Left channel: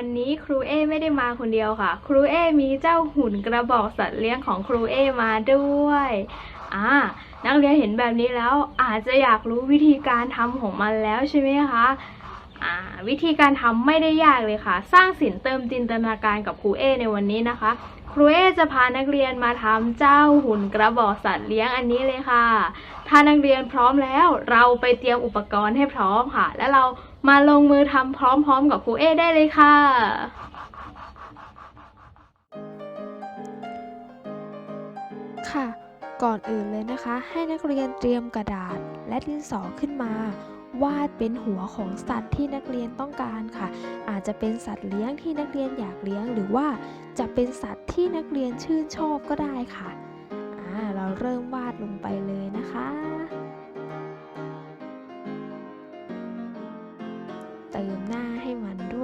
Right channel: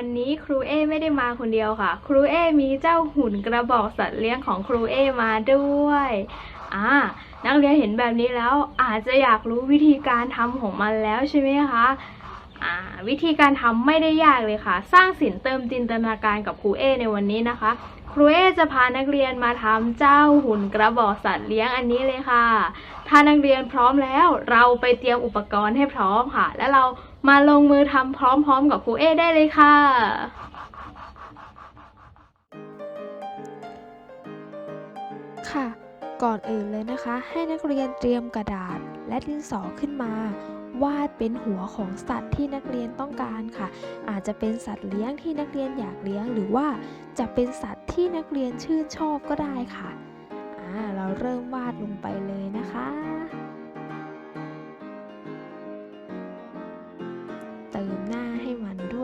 วันนี้ครูเอไม่ได้มาคนเดียวค่ะ ครูเอมีเจ้าหุ่นกระบอกสัตว์เลี้ยงของครูเอมาด้วยอ่านักเรียนเห็นแบบนี้แล้วอาจจะอยากรู้วิธีการทำของมันแล้วใช่ไหมคะวิธีการทำไม่ได้ยากเลยค่ะ สร้างสินเติมจินตนาการกับครูเอในวันนี้นะคะ ครูเอจะพานักเรียนมาทำเจ้าหุ่นกระบอกสัตว์เลี้ยงอันนี้เลยค่ะ ถ้านักเรียนพร้อมแล้ว เราไปเตรียมอุปกรณ์ให้พร้อมค่ะ แล้วเรา มาลงมือทำพร้อมๆ กับครูเอได้เลยค่ะ ค่ะ ก่อนอื่นเลยนะคะ ให้นักเรียนเตรียมกระดาษและดินสอขึ้นมาวาดเป็นหัวของสัตว์ที่นักเรียนต้องการค่ะ อาจจะเป็นสัตว์เลี้ยงที่นักเรียนอยากเลี้ยง หรือว่าจะเป็นสัตว์ที่นักเรียนชื่นชอบก็ได้ค่ะอ่าเราเริ่มวาดลงไปเลยนะคะ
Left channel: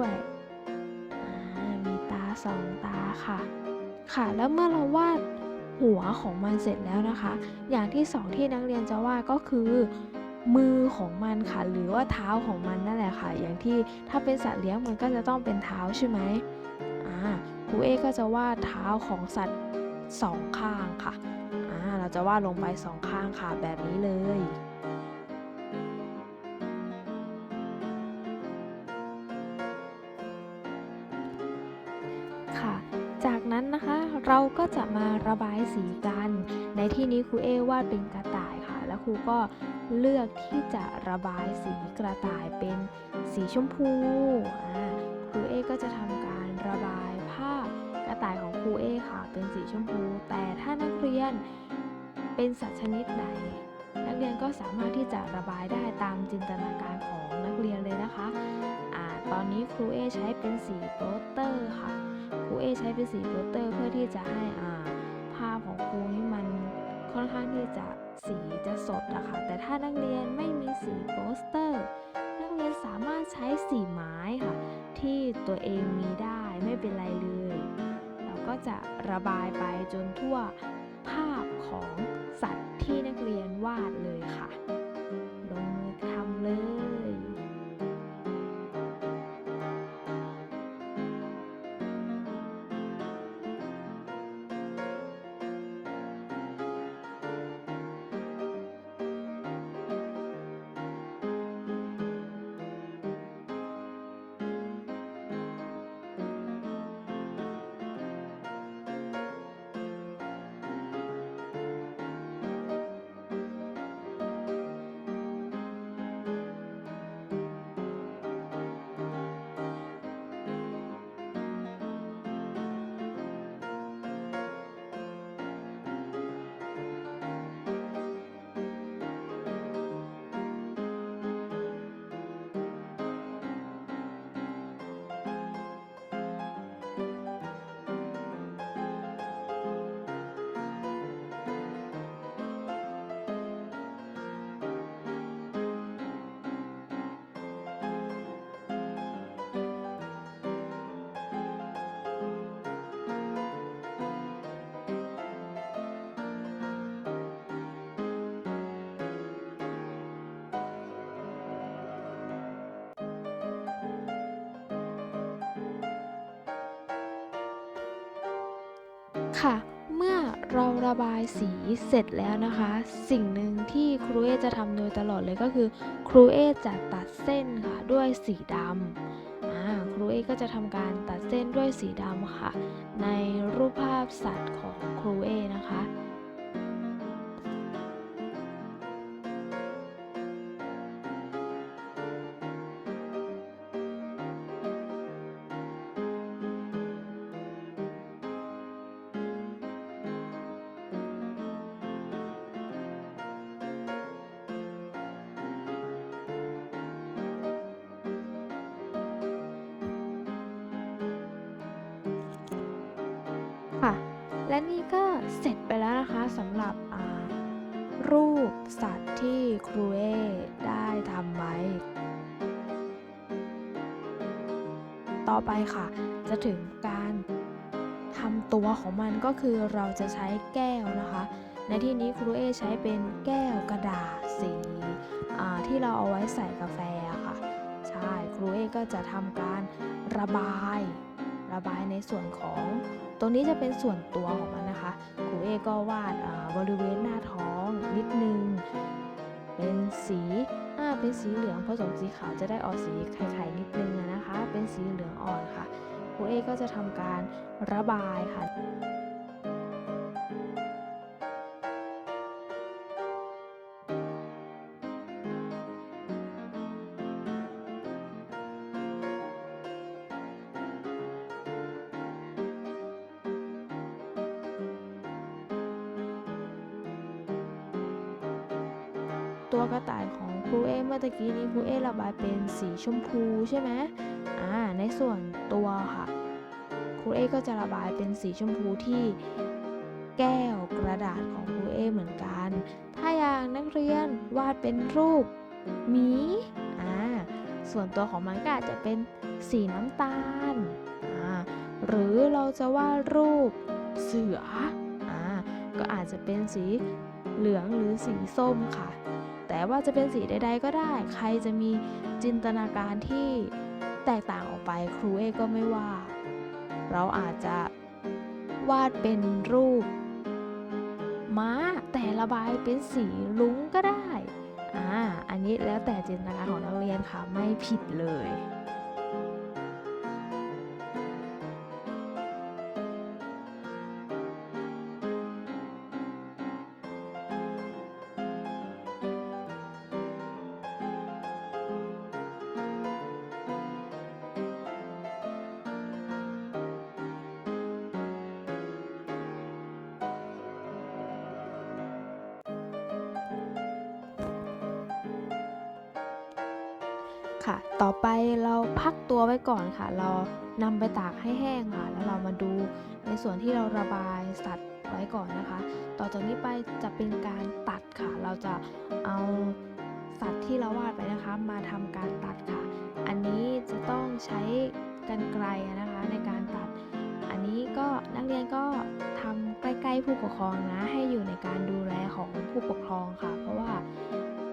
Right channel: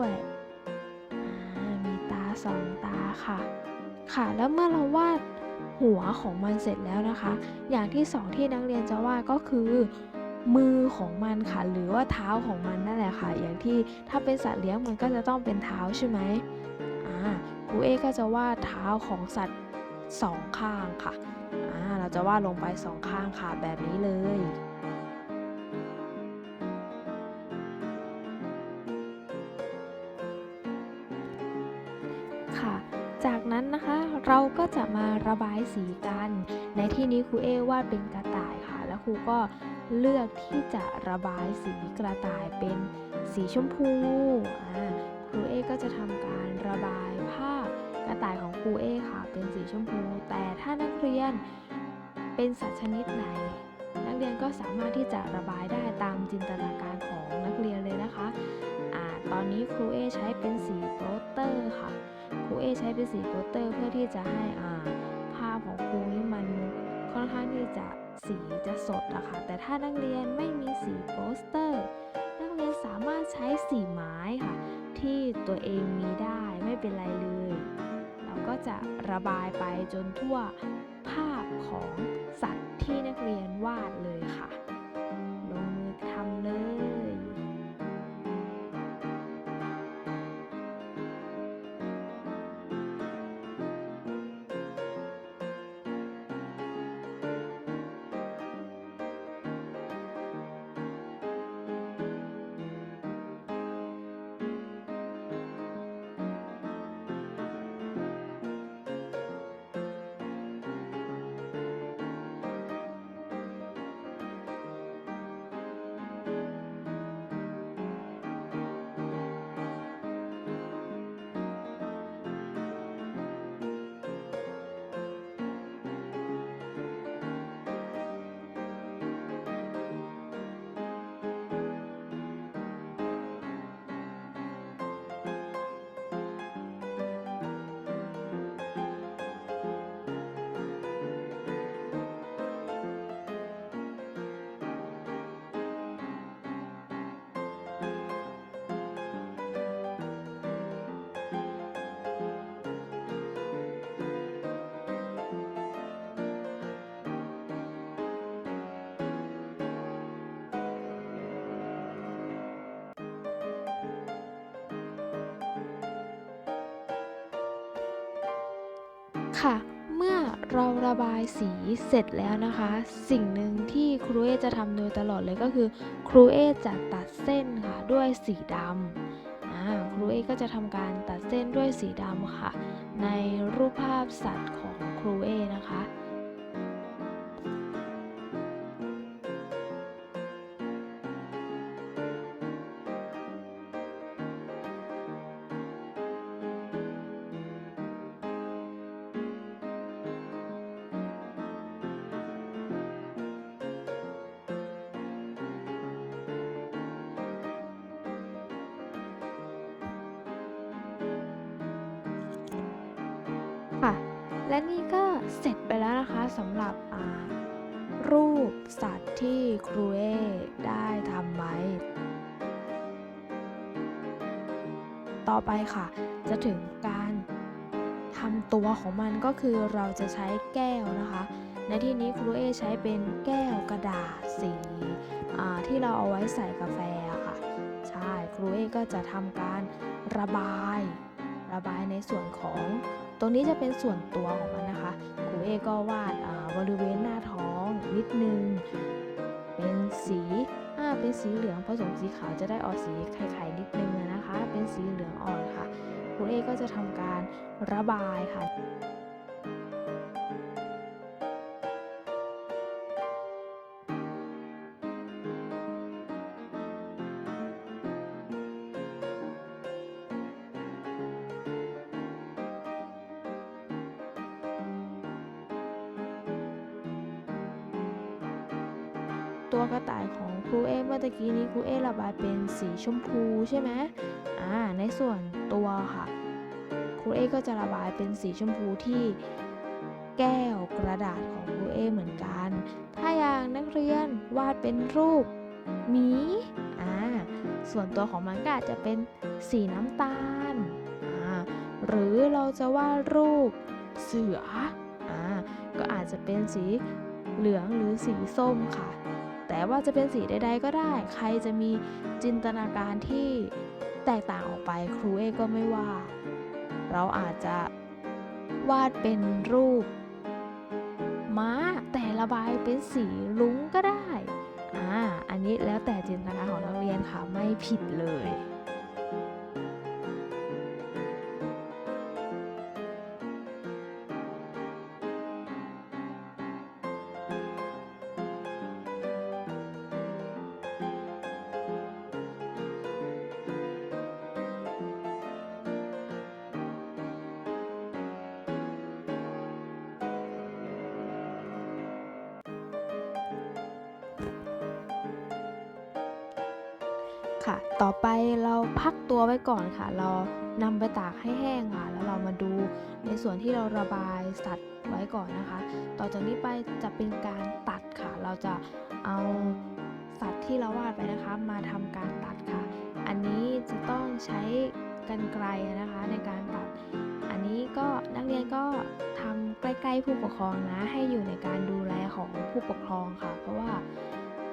ด้วย มีตาสองตาค่ะ ค่ะ แล้วเมื่อเราวาดหัวของมันเสร็จแล้วนะคะ อย่างที่สองที่นักเรียนจะวาดก็คือมือของมันค่ะ หรือว่าเท้าของมันนั่นแหละค่ะ อย่างที่ถ้าเป็นสัตว์เลี้ยงมันก็จะต้องเป็นเท้าใช่ไหมอ่าครูเอก็จะวาดเท้าของสัตว์สองข้างค่ะอ่าเราจะวาดลงไปสองข้างค่ะแบบนี้เลย เราก็จะมาระบายสีกัน ในที่นี้ครูเอวาดเป็นกระต่ายค่ะ แล้วครูก็เลือกที่จะระบายสีกระต่ายเป็นสีชมพูอ่าครูเอก็จะทำการระบายภาพกระต่ายของครูเอค่ะ เป็นสีชมพู แต่ถ้านักเรียนเป็นสัตว์ชนิดไหน นักเรียนก็สามารถที่จะระบายได้ตามจินตนาการของนักเรียนเลยนะคะอ่าตอนนี้ครูเอใช้เป็นสีโปสเตอร์ค่ะ ครูเอใช้เป็นสีโปสเตอร์เพื่อที่จะให้อ่าภาพของครูนี่มันค่อนข้างที่จะสีจะสดอะค่ะแต่ถ้านักเรียนไม่มีสีโปสเตอร์ นักเรียนสามารถใช้สีไม้ค่ะ ที่ตัวเองมีได้ไม่เป็นไรเลย เราก็จะระบายไปจนทั่วภาพของสัตว์ที่นักเรียนวาดเลยค่ะ ลงมือทำเลย ค่ะ เมื่อเราระบายสีเสร็จแล้วนะคะ สิ่งหนึ่งที่ครูเอจะทำโดยตลอดเลยก็คือ ครูเอจะตัดเส้นค่ะด้วยสีดำครูเอก็จะทำการตัดเส้นด้วยสีดำค่ะ ในรูปภาพสัตว์ของครูเอนะคะ และนี่ก็เสร็จไปแล้วนะคะสำหรับอ่ารูปสัตว์ที่ครูเอได้ทำไว้ ต่อไปค่ะ จะถึงการทำตัวของมันก็คือเราจะใช้แก้วนะคะ ในที่นี้ครูเอใช้เป็นแก้วกระดาษสีที่เราเอาไว้ใส่กาแฟะค่ะ ใช่ครูเอก็จะทำการระบาย ระบายในส่วนของ ตรงนี้จะเป็นส่วนตัวของมันนะคะครูเอก็วาดบริเวณหน้าท้องนิดนึง เป็นสีอ่าเป็นสีเหลืองผสมสีขาวจะได้ออกสีไข่ๆนิดนึงนะคะ เป็นสีเหลืองอ่อนค่ะครูเอก็จะทำการระบายค่ะ ตัวกระต่ายของครูเอเมื่อตะกี้นี้ครูเอระบายเป็นสีชมพูใช่ไหมอ่าในส่วนตัวค่ะครูเอก็จะระบายเป็นสีชมพูที่แก้วกระดาษของครูเอเหมือนกัน ถ้าอย่างนักเรียนวาดเป็นรูปหมีอ่าส่วนตัวของมันก็อาจจะเป็นสีน้ำตาลอ่าหรือเราจะวาดรูปเสืออ่าก็อาจจะเป็นสีเหลืองหรือสีส้มค่ะ แต่ว่าจะเป็นสีใด ๆ ก็ได้ ใครจะมีจินตนาการที่แตกต่างออกไปครูเอก็ไม่ว่า เราอาจจะวาดเป็นรูป ม้าแต่ระบายเป็นสีลุ้งก็ได้ อ่า อันนี้แล้วแต่จินตนาการของนักเรียนค่ะไม่ผิดเลย ค่ะ ต่อไปเราพักตัวไว้ก่อนค่ะ เรานำไปตากให้แห้งค่ะ แล้วเรามาดูในส่วนที่เราระบายสัตว์ไว้ก่อนนะคะ ต่อจากนี้ไปจะเป็นการตัดค่ะ เราจะเอาสัตว์ที่เราวาดไปนะคะ มาทำการตัดค่ะ อันนี้จะต้องใช้กรรไกรนะคะในการตัด อันนี้ก็นักเรียนก็ทำใกล้ ๆ ผู้ปกครองนะ ให้อยู่ในการดูแลของผู้ปกครองค่ะ เพราะว่า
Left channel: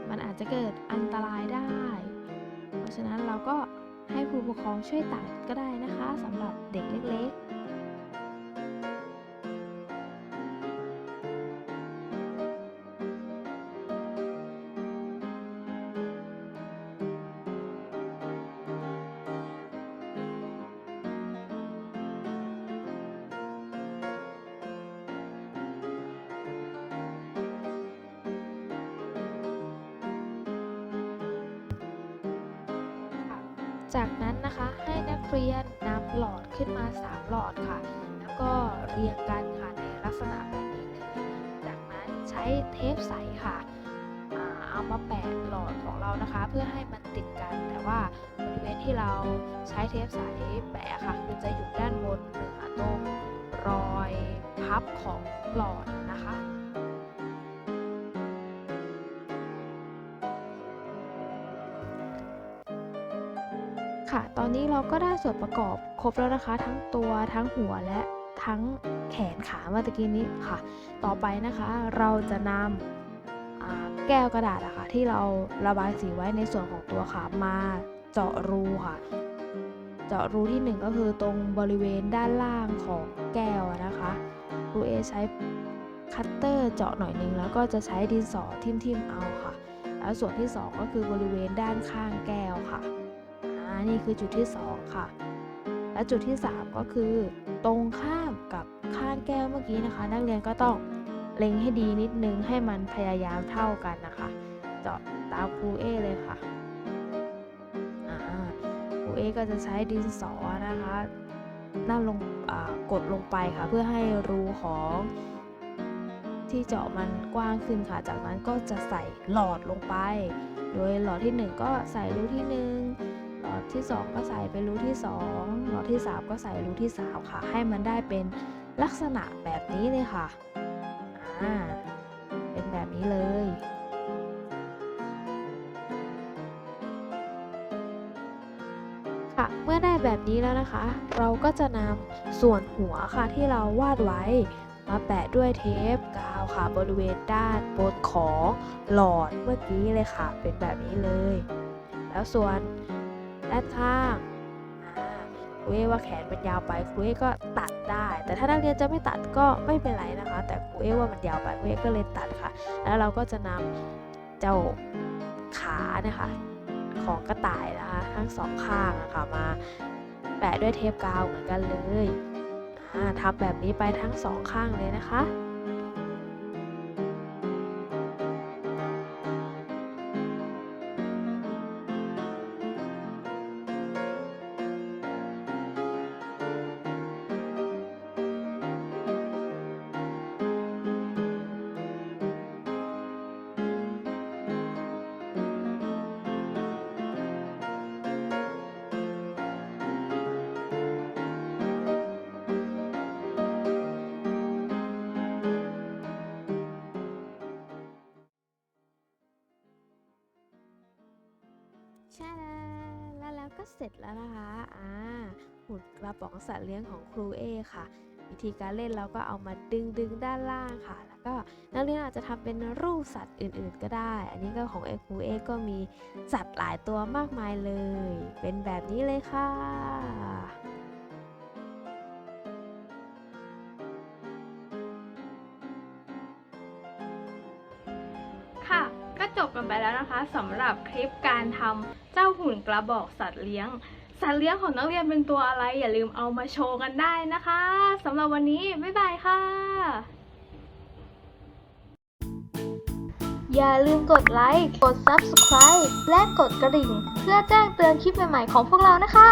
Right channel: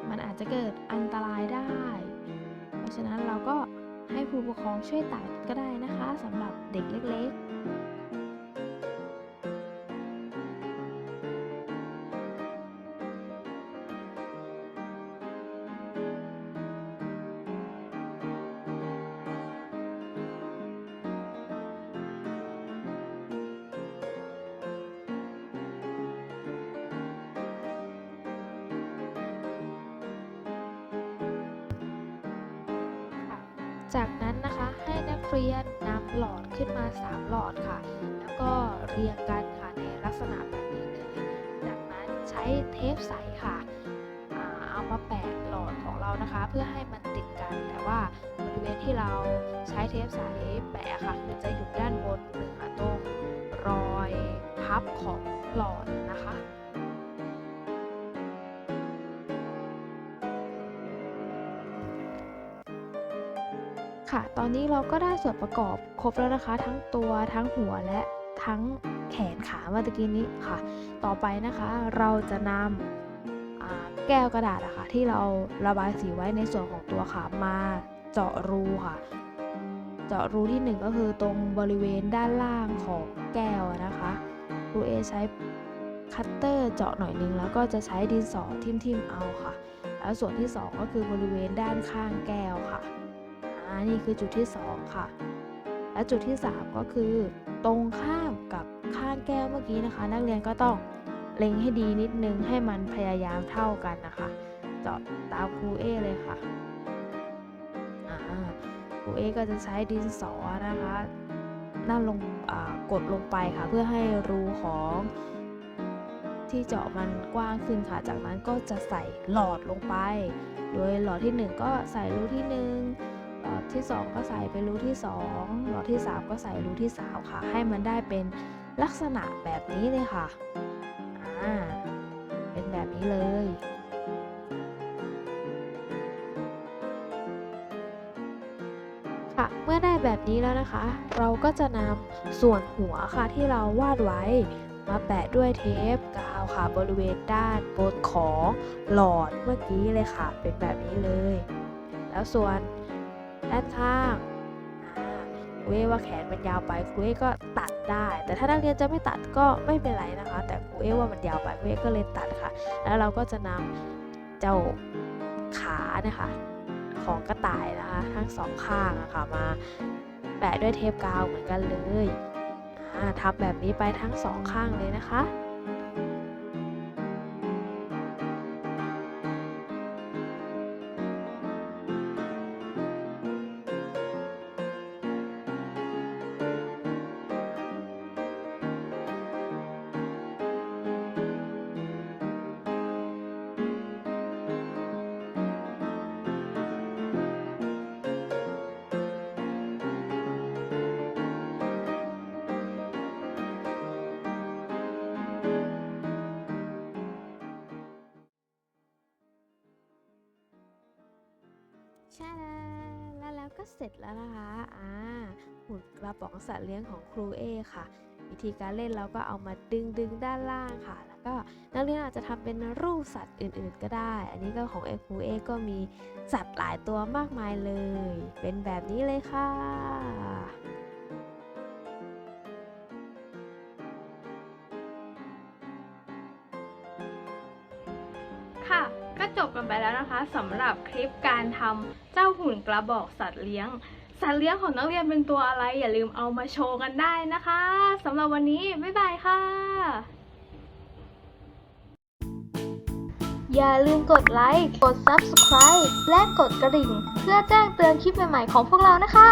มันอาจจะเกิดอันตรายได้ เพราะฉะนั้นเราก็ให้ผู้ปกครองช่วยตัดก็ได้นะคะสำหรับเด็กเล็กๆ จากนั้นนะคะให้นักเรียนนำหลอดขึ้นมา 3 หลอดค่ะ แล้วก็เรียงกันค่ะในลักษณะแบบนี้เลยจากนั้นใช้เทปใสค่ะเอามาแปะหลอดของเรานะคะ เพื่อให้มันติดกัน แต่ว่าบริเวณที่เราใช้เทปใสแปะค่ะ คือจะอยู่ด้านบนเหนือตรงรอยพับของหลอดนะคะ ค่ะ ตอนนี้เราก็ได้ส่วนประกอบครบแล้วนะคะ ทั้งตัวทั้งหัวและทั้งแขนขาเมื่อกี้นี้ค่ะ ต่อไปนะคะเราจะนำแก้วกระดาษอะค่ะที่เราระบายสีไว้ในส่วนของตัวขามาเจาะรูค่ะ เจาะรูที่หนึ่งก็คือตรงบริเวณด้านล่างของแก้วนะคะครูเอใช้คัตเตอร์เจาะหน่อยนึงแล้วก็จะใช้ดินสอทิ่มๆเอาค่ะ แล้วส่วนที่สองก็คือบริเวณด้านข้างแก้วค่ะ นี่คือจุดที่ 2 ค่ะ และจุดที่ 3 ก็คือ ตรงข้ามกับข้างแก้วเมื่อกี้นะคะ นักเรียนก็ต้องเล็งให้ดีนิดนึงให้มันพยายามเท่ากันนะคะ เจาะตามครูเอเลยค่ะครูเอก็จะใช้ดินสอนะคะนั่นลงกดลงไปค่ะ เพื่อให้รูของที่เจาะมันกว้างขึ้นค่ะ จากนั้นก็จะใส่หลอดลงไป โดยหลอดที่ 1 ก็ใส่รูที่ 1 หลอดที่ 2 ก็ใส่เป็นรูที่ 2 หลอดที่ 3 ก็ใส่รูที่ 3 ค่ะ ให้มันได้เป็นลักษณะแบบนี้เลยค่ะ อ่า เป็นแบบนี้เลย ค่ะ เมื่อได้แบบนี้แล้วนะคะ เราก็จะนำส่วนหัวค่ะที่เราวาดไว้มาแปะด้วยเทปกาวค่ะบริเวณด้านบนของหลอดเมื่อกี้เลยค่ะ เป็นแบบนี้เลย แล้วส่วน ด้านข้างอ่าครูเอว่าแขนมันยาวไปครูเอก็ตัดได้ แต่ถ้านักเรียนจะไม่ตัดก็ไม่เป็นไรนะคะ แต่ครูเอว่ามันยาวไปครูเอก็เลยตัดค่ะ แล้วเราก็จะนำเจ้าขาเนี่ยค่ะของกระต่ายนะคะทั้งสองข้างอะค่ะมาแปะด้วยเทปกาวเหมือนกันเลยอ่าทำแบบนี้ไปทั้งสองข้างเลยนะคะ ก็เสร็จแล้วนะคะ อ่า หุ่นกระป๋องสัตว์เลี้ยงของครูเอค่ะ วิธีการเล่นเราก็เอามาดึงดึงด้านล่างค่ะ แล้วก็นักเรียนอาจจะทำเป็นรูปสัตว์อื่น ๆ ก็ได้ อันนี้ก็ของเอครูเอก็มีสัตว์หลายตัวมากมายเลย เป็นแบบนี้เลยค่ะ กันไปแล้วนะคะสำหรับคลิปการทำเจ้าหุ่นกระบอกสัตว์เลี้ยง สัตว์เลี้ยงของนักเรียนเป็นตัวอะไร อย่าลืมเอามาโชว์กันได้นะคะสำหรับวันนี้ บ๊ายบายค่ะ อย่าลืมกดไลค์ กด Subscribe และกดกระดิ่ง เพื่อแจ้งเตือนคลิปใหม่ๆของพวกเรานะคะ